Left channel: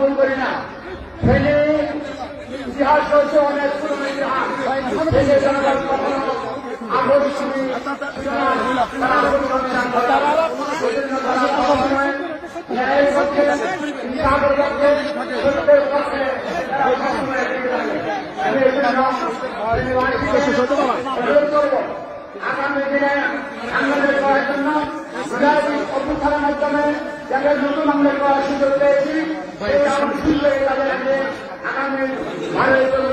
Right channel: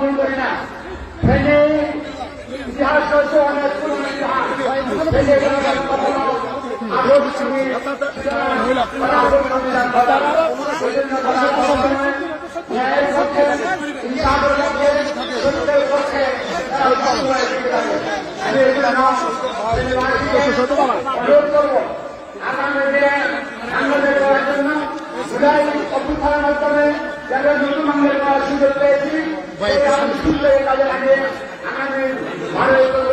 ভুল করি না। ট্রেনে ইতিহাস রয়েছে অনেক অভ্যুত্থানের মাধ্যমে যারা নতুন বাংলা করার সুযোগ পেয়েছি সেই কাজে লাগিয়ে আগামী ভারতীয়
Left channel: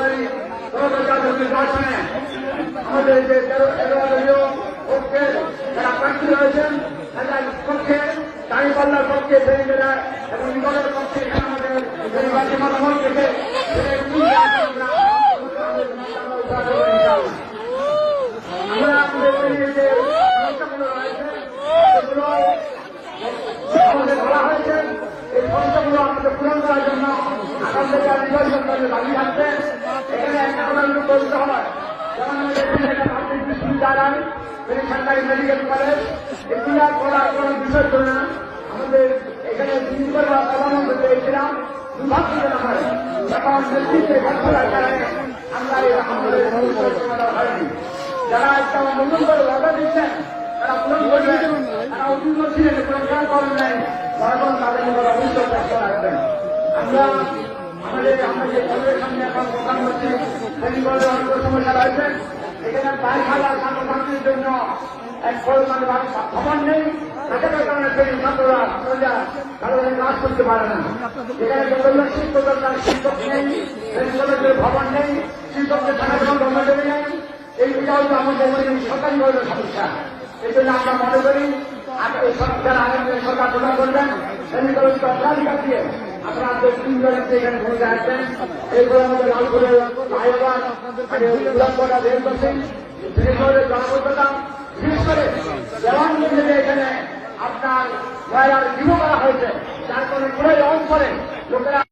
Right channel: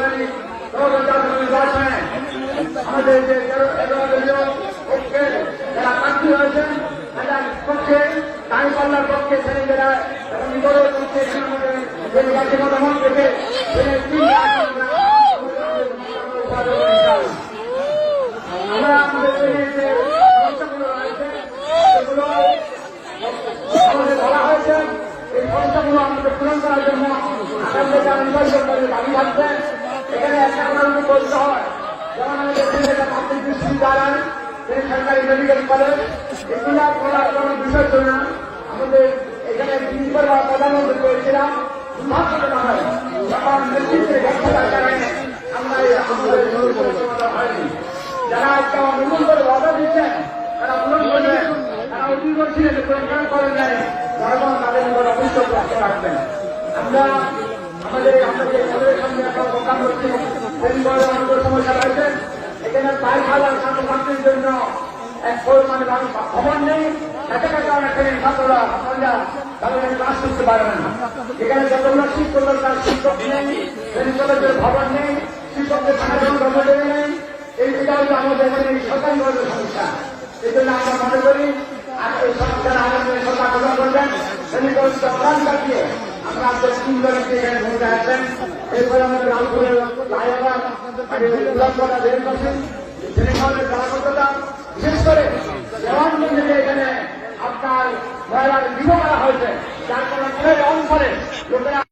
নির্বাচনে আমাদের যে ঐক্যের যারা আকাঙ্ক্ষী রয়েছেন এটার পক্ষে দাঁড়িপাল্লার পক্ষে ছেলেমেয়েরা এবং নিজেদের পক্ষে নির্বাচনে গ্রহণ করবে পূরণ করার জন্য সরকারি মেডিকেল কলেজ বিষয়ের জন্য আমাদের এখানে প্রধানমন্ত্রী করেছিলাম যারা একটা নতুন করে অর্ডার দিচ্ছেন তারা পূরণ করছেন তারা অভিযোগ ছিলেন পূরণ করেন নাই আমরা আমাদের এখানে বাইক খেলার মানুষের জন্য এক পরিমাণে ভবন নেই এখানে আপনারা ভবনের কাজ করতে পারবেন এখানে যতগুলো শিক্ষকের কাজ শিক্ষক নেই ভবন নেই শিক্ষকদের সাধারণ কর্মচারী নেই এই দুটাও আমাদের সকলভাবে সমস্যা এই জন্য আমরা মনে করি সরকার আগামী সরকার প্রদান করবেন সমীকরণটা প্রাণ কাটিয়ে আমরা আমাদের স্কুলগুলোকে এখানে ভূমিকা আছেন এরপর আমরা বিশেষ করে জবানবন্দিতে এখানে আপনার মহিলার বিধা দেওয়া হয়েছে যার কারণে অঞ্চলে লোকেরা